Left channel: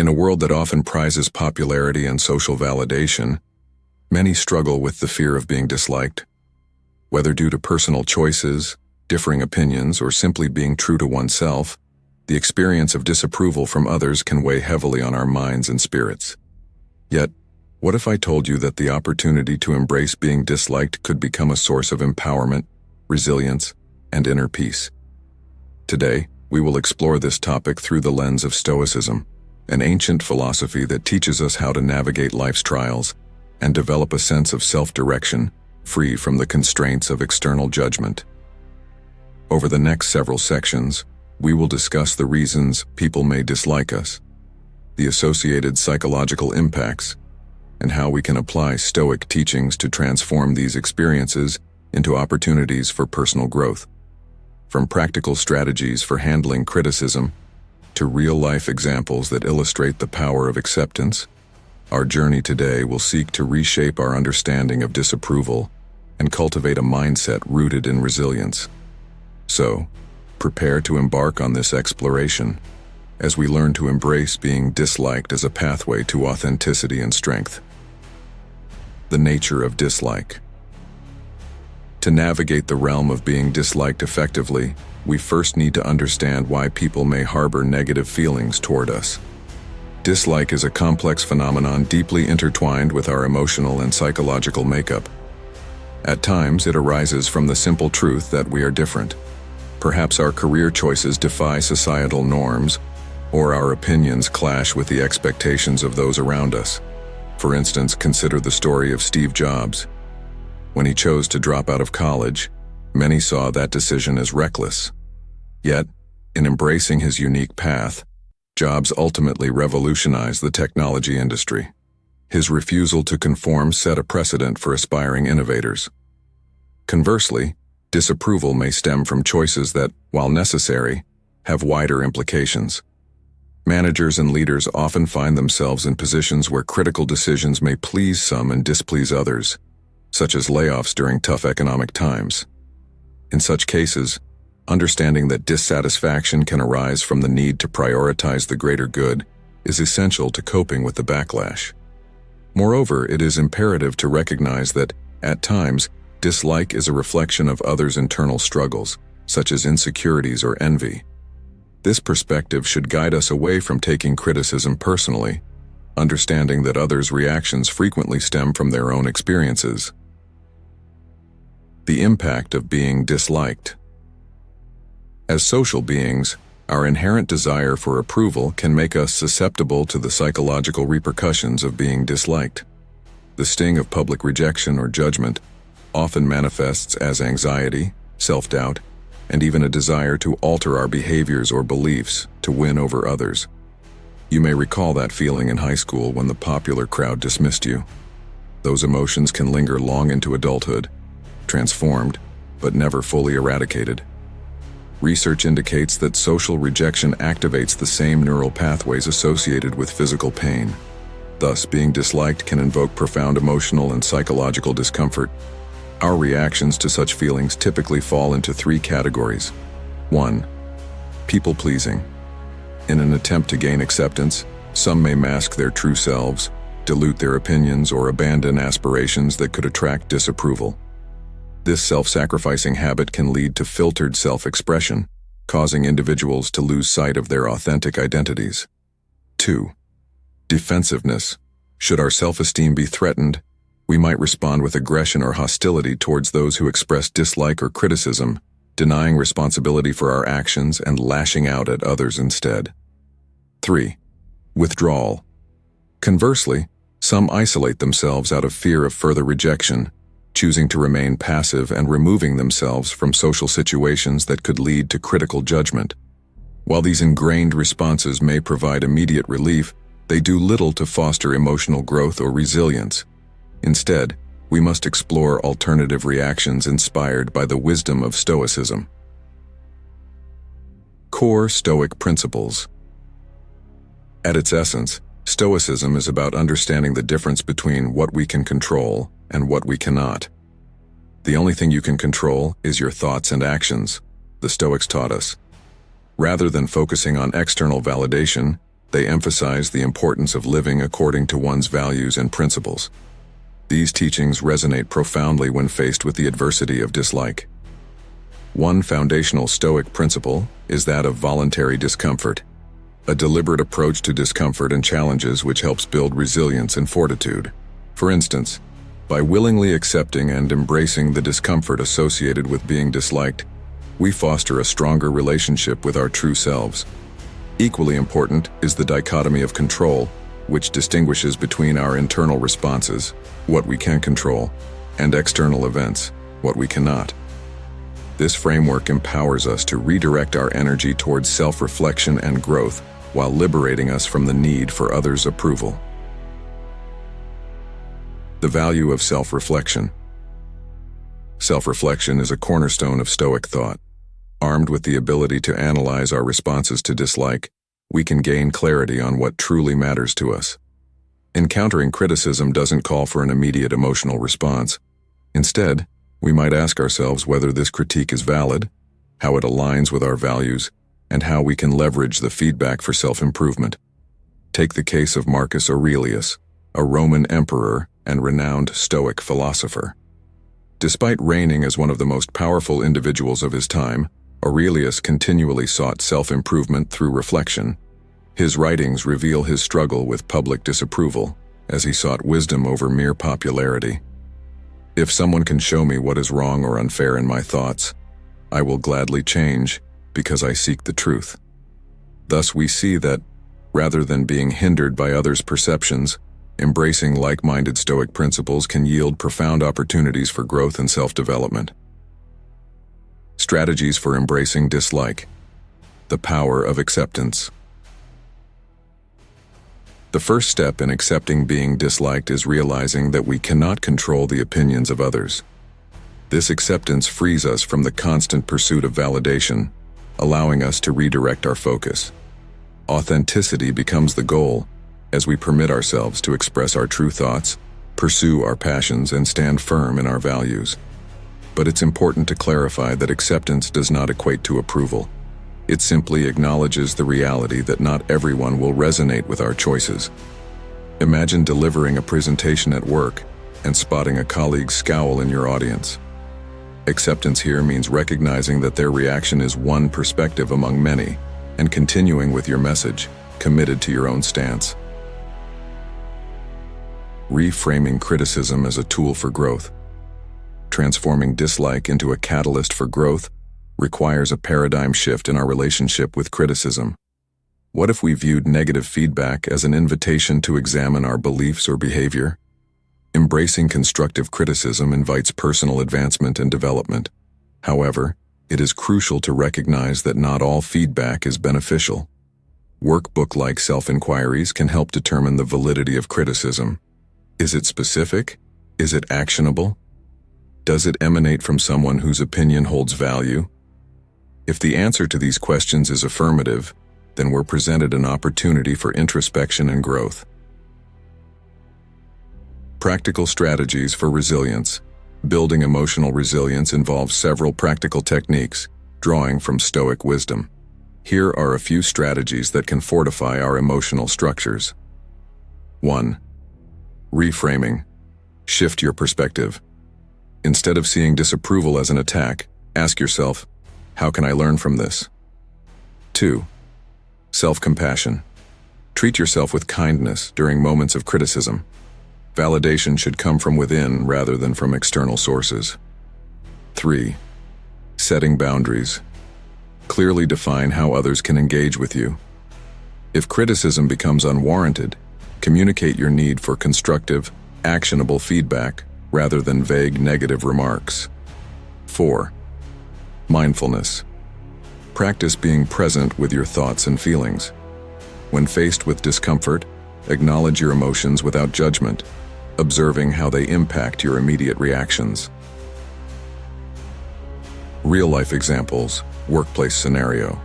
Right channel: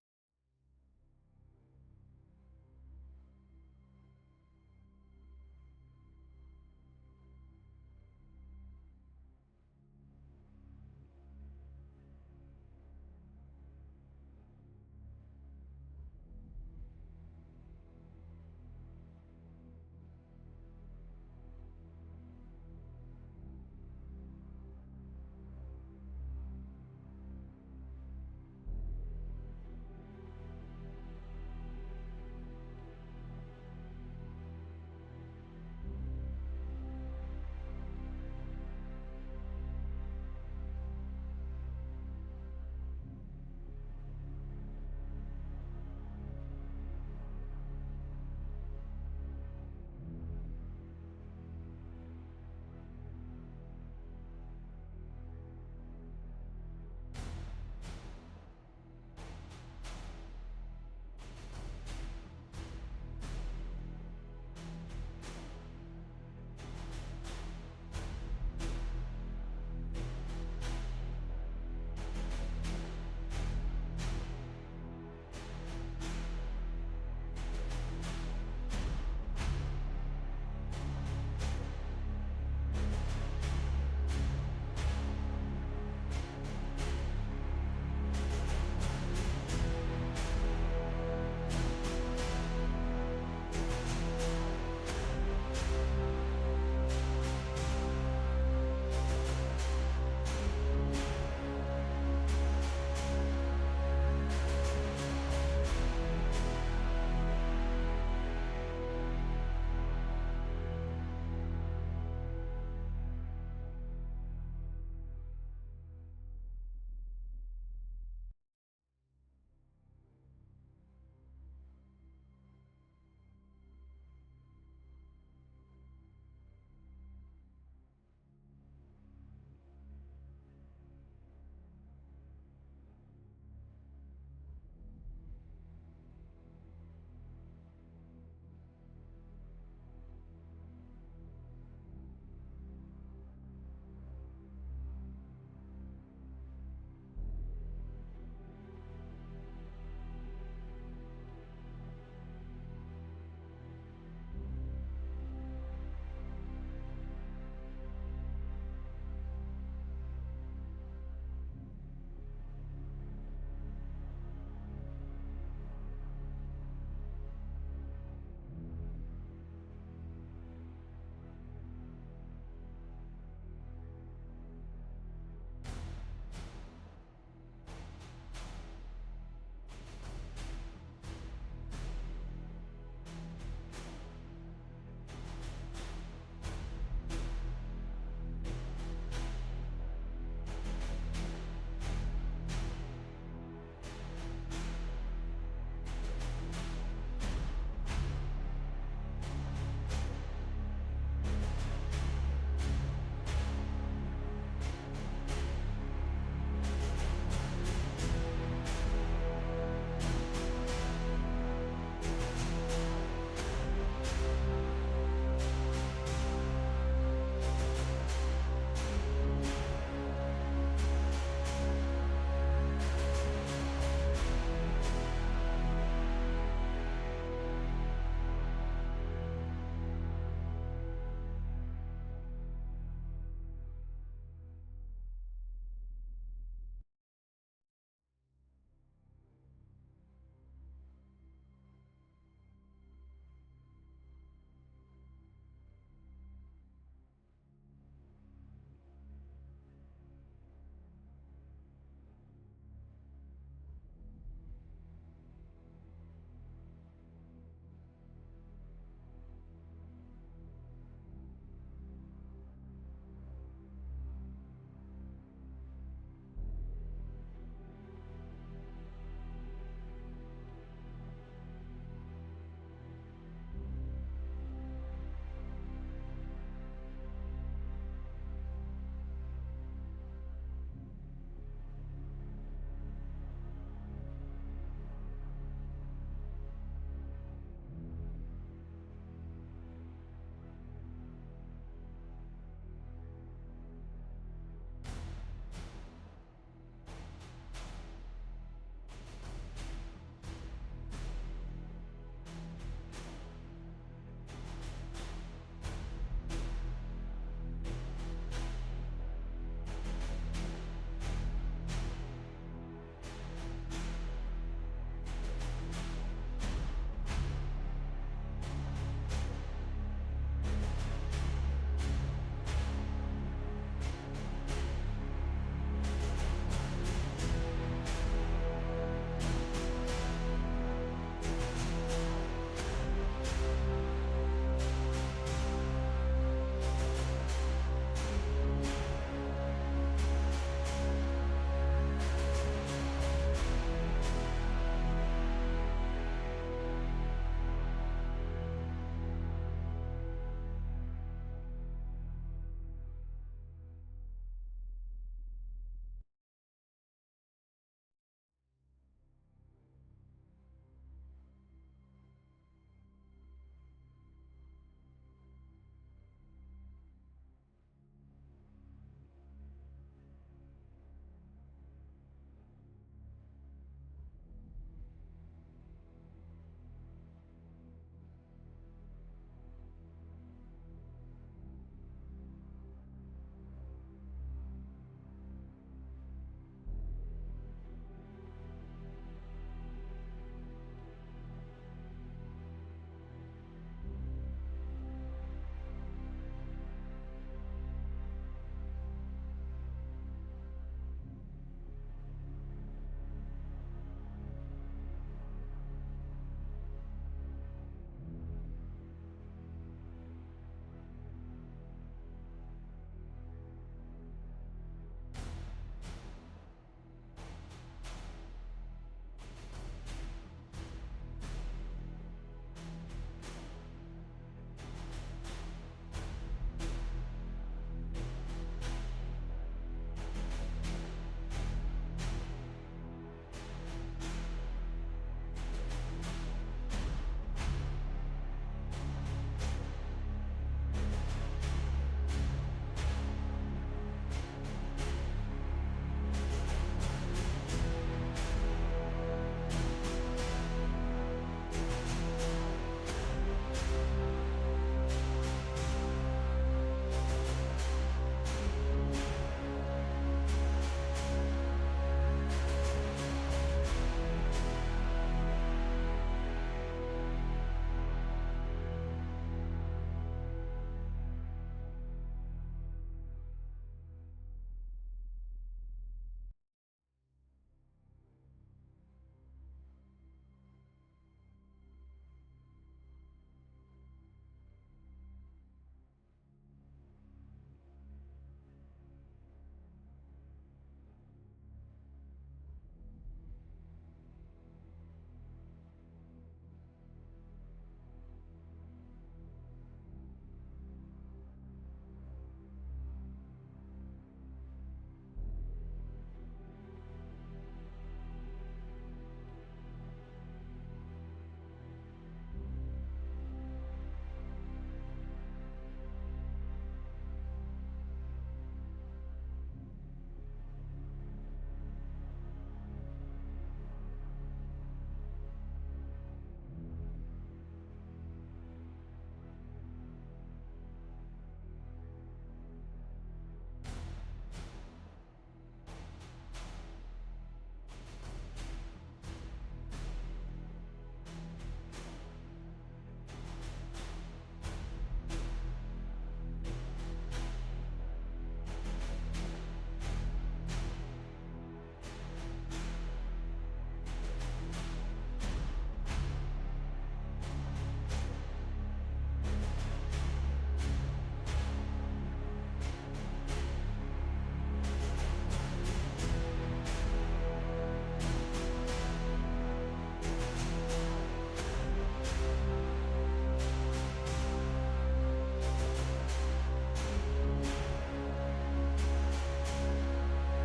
In a world that often prizes popularity and social validation, many struggle with the fear of being disliked. Whether due to personal choices, differing opinions, or simply being true to oneself, the experience of disapproval from others can weigh heavily on our minds and spirits. Yet, what if I told you that the opportunity to embrace being disliked could become a source of empowerment, resilience, and inner peace? Today, we will explore this topic through the lens of Stoicism, an ancient philosophy that teaches us how to navigate life's trials and develop a sense of self-direction, free from the constraints of external judgment. Over the next several sections, we will discuss the reasons people may dislike us, the associated psychological impacts, and how we can apply Stoic teachings to transform these experiences into opportunities for personal growth. From practical strategies for handling criticism to real-life examples that illustrate the power of acceptance, our journey today will seek to reshape our understanding of disapproval and cultivate a mindset rooted in resilience. So, prepare to embark on this exploration as we learn to embrace being disliked as a pathway to authenticity and strength. The nature of dislike. To navigate the realm of being disliked effectively, we first need to understand why people may harbor negative feelings toward us. Dislike is a complex phenomenon deeply intertwined with our emotional and psychological makeup. At times, it arises from the simple truth that we are different. Perhaps our career choices defy societal norms, or our opinions clash with the expectations of those around us. For instance, consider the story of Steve Jobs. When he chose to drop out of college, many saw that decision as reckless. Yet, in embracing his unique path, Jobs ultimately revolutionized the technology industry. His refusal to conform set a precedent for aspiring innovators. Conversely, disapproval may stem from choices that, while necessary, have wider implications. Managers and leaders often find themselves in positions where critical decisions may please some and displease others, such as layoffs during tough economic times. In such cases, understanding that dissatisfaction can arise from the need to prioritize the greater good is essential to coping with the backlash. Moreover, it is imperative to recognize that, at times, dislike is a reflection of others' internal struggles, such as insecurities or envy. This perspective should guide us away from taking criticism personally, understanding that others' reactions frequently stem from their own experiences. The impact of being disliked. As social beings, our inherent desire for approval can make us susceptible to the psychological repercussions of being disliked. The sting of public rejection or judgment often manifests as anxiety, self-doubt, and even a desire to alter our behaviors or beliefs to win over others. You may recall that feeling in high school when the popular crowd dismissed you. Those emotions can linger long into adulthood, transformed, but never fully eradicated. Research indicates that social rejection activates the same neural pathways associated with physical pain. Thus, being disliked can invoke profound emotional and psychological discomfort. Our reactions to such feelings typically fall into three categories. 1. People-pleasing. In an attempt to gain acceptance, some may mask their true selves, dilute their opinions, or abandon aspirations that could attract disapproval. This self-sacrificing habit can lead to filtered self-expression, causing individuals to lose sight of their authentic identities. 2. Defensiveness. Should our self-esteem be threatened, we might respond with aggression or hostility towards those who express dislike or criticism, denying responsibility for our actions and lashing out at others instead. 3. Withdrawal. Conversely, some isolate themselves out of fear of further rejection, choosing to remain passive and removing themselves from social situations that could lead to critical judgment. While these ingrained responses may provide immediate relief, they do little to foster emotional growth or resilience. Instead, we must explore alternative reactions inspired by the wisdom of Stoicism. Core Stoic principles. At its essence, Stoicism is about understanding the difference between what we can control and what we cannot. The only thing you can control is your thoughts and actions, the Stoics taught us. Rather than focusing on external validation, They emphasize the importance of living according to one's values and principles. These teachings resonate profoundly when faced with the adversity of dislike. One foundational Stoic principle is that of voluntary discomfort, a deliberate approach to discomfort and challenges which helps build resilience and fortitude. For instance, by willingly accepting and embracing the discomfort associated with being disliked, we foster a stronger relationship with our true selves. Equally important is the dichotomy of control, which distinguishes between our internal responses, what we can control, and external events, what we cannot. This framework empowers us to redirect our energy towards self-reflection and growth while liberating us from the need for others' approval. The value of self-reflection. Self-reflection is a cornerstone of Stoic thought. Armed with the ability to analyze our responses to dislike, we can gain clarity on what truly matters to us. Encountering criticism doesn't call for an immediate emotional response. Instead, we might ask ourselves whether this critique is valid, how it aligns with our values, and how we can leverage the feedback for self-improvement. Take the case of Marcus Aurelius, a Roman emperor and renowned Stoic philosopher. Despite reigning as one of the most powerful individuals of his time, Aurelius continually sought self-improvement through reflection. His writings reveal his struggle with public disapproval, as he sought wisdom over mere popularity. If someone can show me what is wrong or unfair in my thoughts, I will gladly change, because I seek the truth. Thus we see that, rather than being hindered by others' perceptions, embracing like-minded Stoic principles can yield profound opportunities for growth and self-development. Strategies for embracing dislike. The power of acceptance. The first step in accepting being disliked is realizing that we cannot control the opinions of others. This acceptance frees us from the constant pursuit of validation, allowing us to redirect our focus. Authenticity becomes the goal, as we permit ourselves to express our true thoughts, pursue our passions, and stand firm in our values. But it's important to clarify that acceptance does not equate to approval. It simply acknowledges the reality that not everyone will resonate with our choices. Imagine delivering a presentation at work and spotting a colleague's scowl in your audience. Acceptance here means recognizing that their reaction is one perspective among many, and continuing with your message, committed to your own stance. Reframing criticism as a tool for growth. Transforming dislike into a catalyst for growth requires a paradigm shift in our relationship with criticism. What if we viewed negative feedback as an invitation to examine our beliefs or behavior? Embracing constructive criticism invites personal advancement and development. However, it is crucial to recognize that not all feedback is beneficial. Workbook-like self-inquiries can help determine the validity of criticism. Is it specific? Is it actionable? Does it emanate from someone whose opinion holds value? If the answer to these questions is affirmative, then we're presented an opportunity for introspection and growth. Practical strategies for resilience. Building emotional resilience involves several practical techniques, drawing from Stoic wisdom. Here are a few strategies that can fortify our emotional structures. 1. Reframing. Shift your perspective. Instead of seeing disapproval as an attack, ask yourself, how can I learn from this? 2. Self-compassion. Treat yourself with kindness during moments of criticism. Validation should come from within rather than from external sources. 3. Setting boundaries. Clearly define how others can engage with you. If criticism becomes unwarranted, communicate your need for constructive, actionable feedback rather than vague negative remarks. 4. Mindfulness. Practice being present with your thoughts and feelings. When faced with discomfort, acknowledge your emotions without judgment, observing how they impact your immediate reactions. Real-life examples, workplace scenario.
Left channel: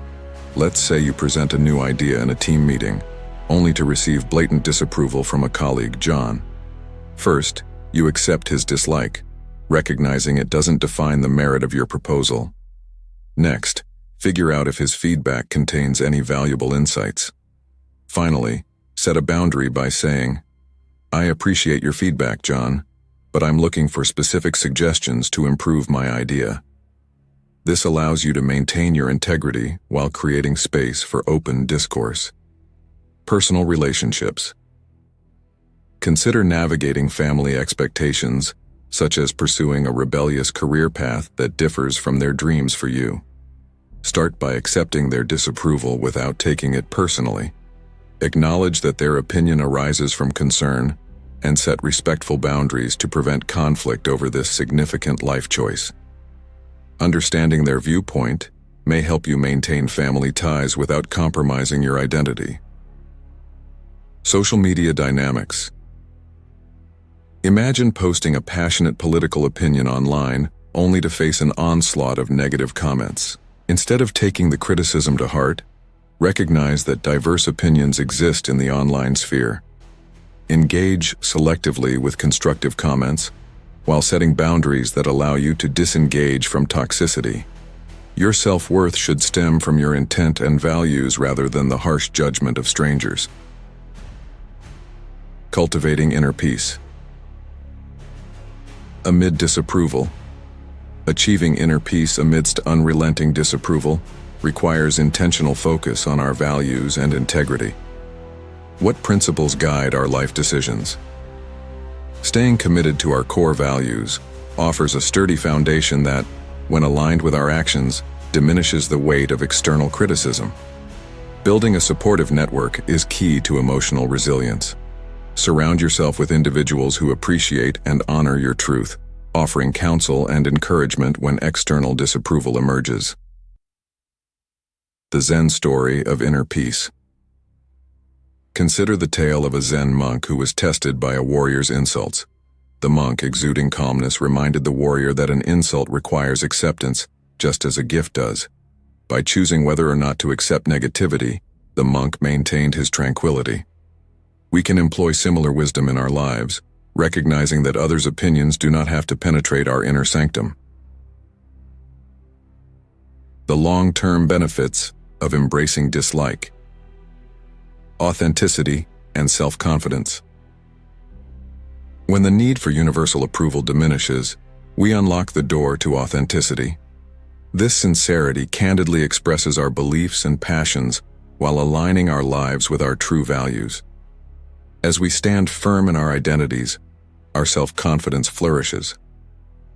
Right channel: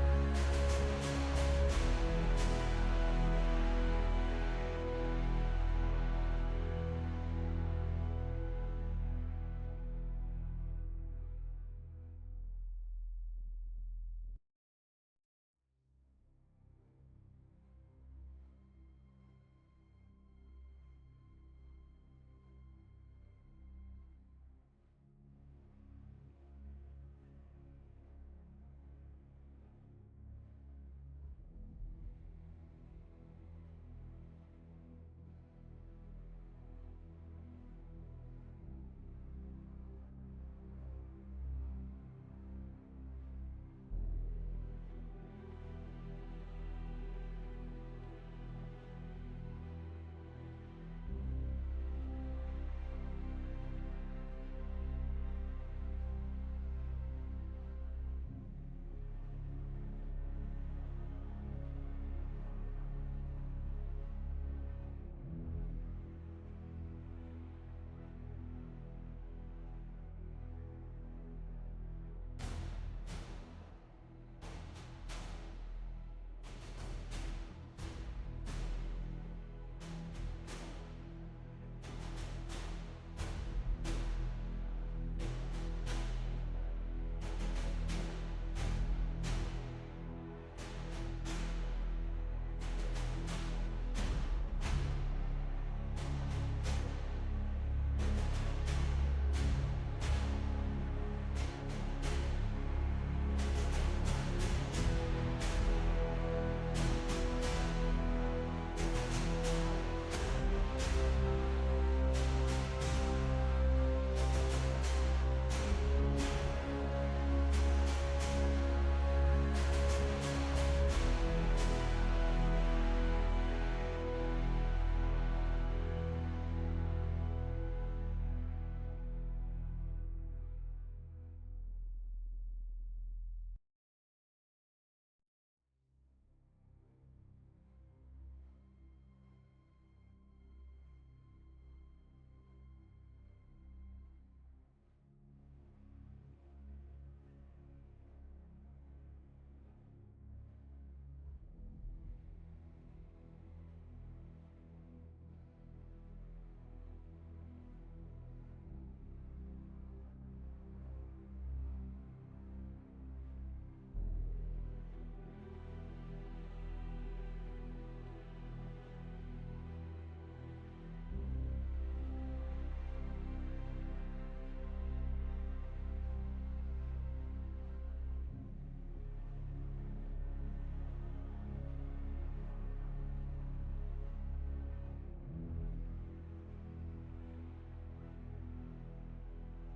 Let's say you present a new idea in a team meeting, only to receive blatant disapproval from a colleague, John. First, you accept his dislike, recognizing it doesn't define the merit of your proposal. Next, figure out if his feedback contains any valuable insights. Finally, set a boundary by saying, "I appreciate your feedback, John, but I'm looking for specific suggestions to improve my idea." This allows you to maintain your integrity while creating space for open discourse. Personal relationships. Consider navigating family expectations, such as pursuing a rebellious career path that differs from their dreams for you. Start by accepting their disapproval without taking it personally. Acknowledge that their opinion arises from concern, and set respectful boundaries to prevent conflict over this significant life choice. Understanding their viewpoint may help you maintain family ties without compromising your identity. Social media dynamics. Imagine posting a passionate political opinion online only to face an onslaught of negative comments. Instead of taking the criticism to heart, recognize that diverse opinions exist in the online sphere. Engage selectively with constructive comments, while setting boundaries that allow you to disengage from toxicity. Your self-worth should stem from your intent and values rather than the harsh judgment of strangers. Cultivating inner peace. Amid disapproval. Achieving inner peace amidst unrelenting disapproval requires intentional focus on our values and integrity. What principles guide our life decisions? Staying committed to our core values offers a sturdy foundation that, when aligned with our actions, diminishes the weight of external criticism. Building a supportive network is key to emotional resilience. Surround yourself with individuals who appreciate and honor your truth, offering counsel and encouragement when external disapproval emerges. The Zen story of inner peace. Consider the tale of a Zen monk who was tested by a warrior's insults. The monk, exuding calmness, reminded the warrior that an insult requires acceptance, just as a gift does. By choosing whether or not to accept negativity, the monk maintained his tranquility. We can employ similar wisdom in our lives, recognizing that others' opinions do not have to penetrate our inner sanctum. The long-term benefits of embracing dislike. Authenticity and self-confidence. When the need for universal approval diminishes, we unlock the door to authenticity. This sincerity candidly expresses our beliefs and passions while aligning our lives with our true values. As we stand firm in our identities, our self-confidence flourishes.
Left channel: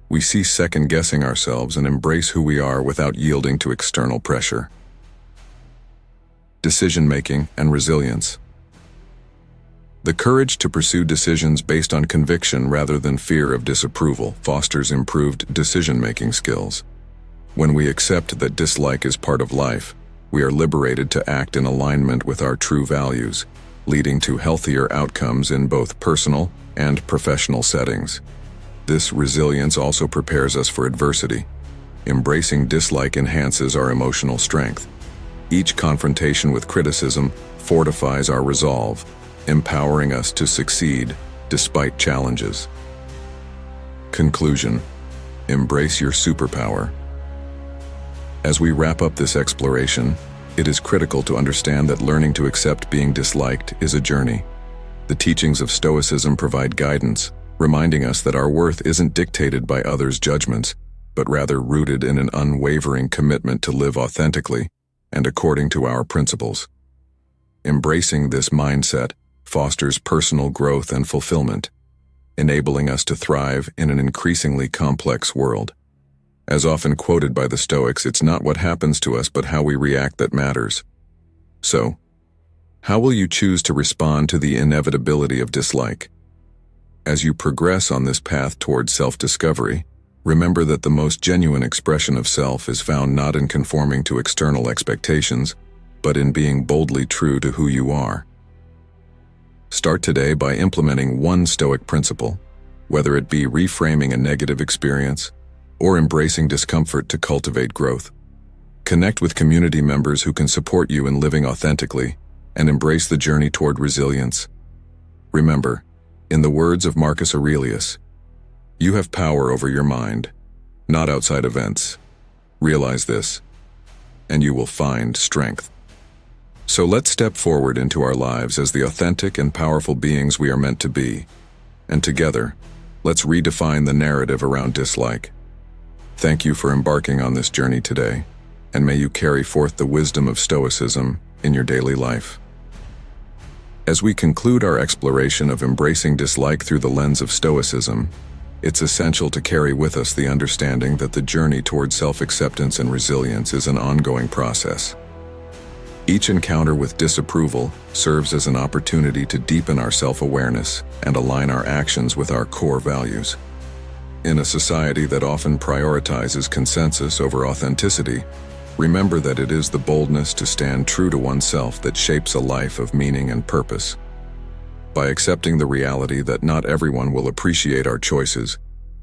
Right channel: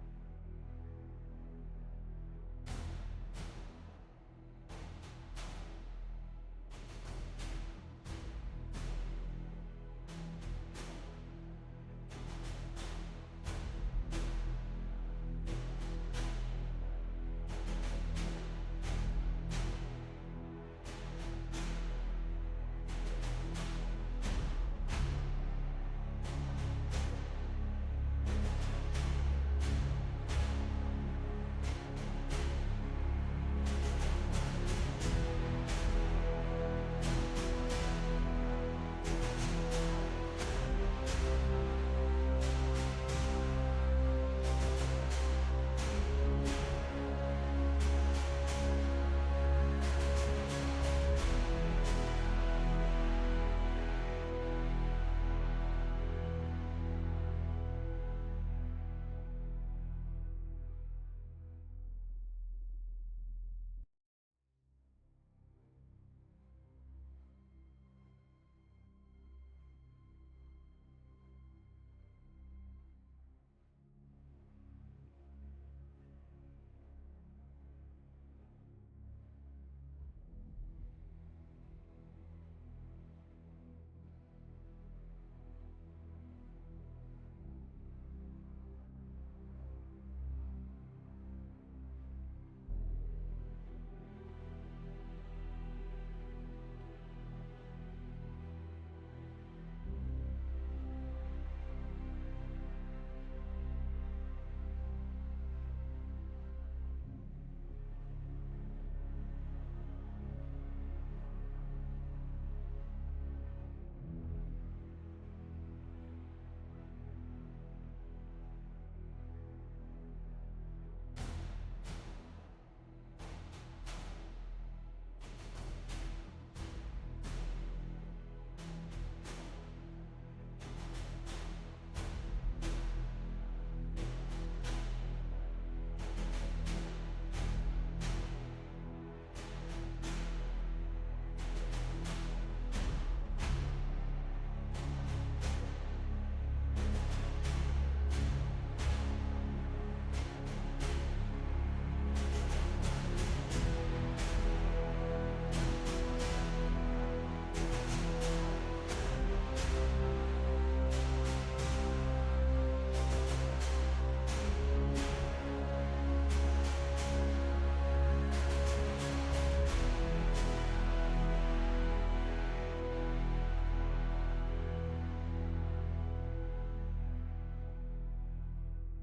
We cease second-guessing ourselves and embrace who we are without yielding to external pressure. Decision-making and resilience. The courage to pursue decisions based on conviction rather than fear of disapproval fosters improved decision-making skills. When we accept that dislike is part of life, we are liberated to act in alignment with our true values, leading to healthier outcomes in both personal and professional settings. This resilience also prepares us for adversity. Embracing dislike enhances our emotional strength. Each confrontation with criticism fortifies our resolve, empowering us to succeed despite challenges. Conclusion: embrace your superpower. As we wrap up this exploration, it is critical to understand that learning to accept being disliked is a journey. The teachings of Stoicism provide guidance, reminding us that our worth isn't dictated by others' judgments, but rather rooted in an unwavering commitment to live authentically and according to our principles. Embracing this mindset fosters personal growth and fulfillment, enabling us to thrive in an increasingly complex world. As often quoted by the Stoics, it's not what happens to us but how we react that matters. So, how will you choose to respond to the inevitability of dislike? As you progress on this path toward self-discovery, remember that the most genuine expression of self is found not in conforming to external expectations, but in being boldly true to who you are. Start today by implementing one Stoic principle, whether it be reframing a negative experience or embracing discomfort to cultivate growth. Connect with community members who can support you in living authentically and embrace the journey toward resilience. Remember, in the words of Marcus Aurelius, you have power over your mind, not outside events. Realize this, and you will find strength. So let's step forward into our lives as the authentic and powerful beings we are meant to be. And together, let's redefine the narrative around dislike. Thank you for embarking on this journey today, and may you carry forth the wisdom of Stoicism in your daily life. As we conclude our exploration of embracing dislike through the lens of Stoicism, it's essential to carry with us the understanding that the journey toward self-acceptance and resilience is an ongoing process. Each encounter with disapproval serves as an opportunity to deepen our self-awareness and align our actions with our core values. In a society that often prioritizes consensus over authenticity, remember that it is the boldness to stand true to oneself that shapes a life of meaning and purpose. By accepting the reality that not everyone will appreciate our choices,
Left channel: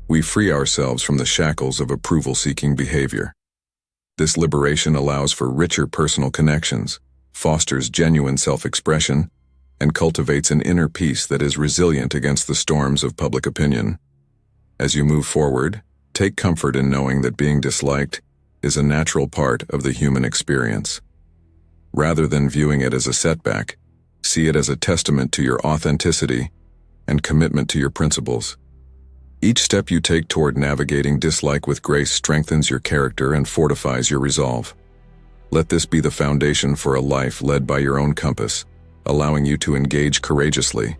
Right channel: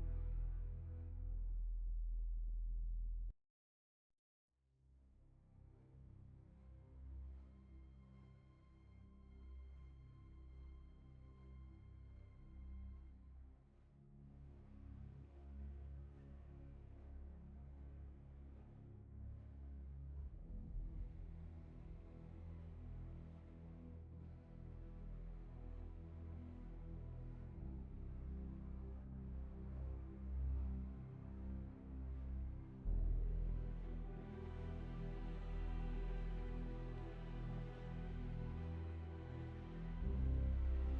we free ourselves from the shackles of approval-seeking behavior. This liberation allows for richer personal connections, fosters genuine self-expression, and cultivates an inner peace that is resilient against the storms of public opinion. As you move forward, take comfort in knowing that being disliked is a natural part of the human experience. Rather than viewing it as a setback, see it as a testament to your authenticity and commitment to your principles. Each step you take toward navigating dislike with grace strengthens your character and fortifies your resolve. Let this be the foundation for a life led by your own compass, allowing you to engage courageously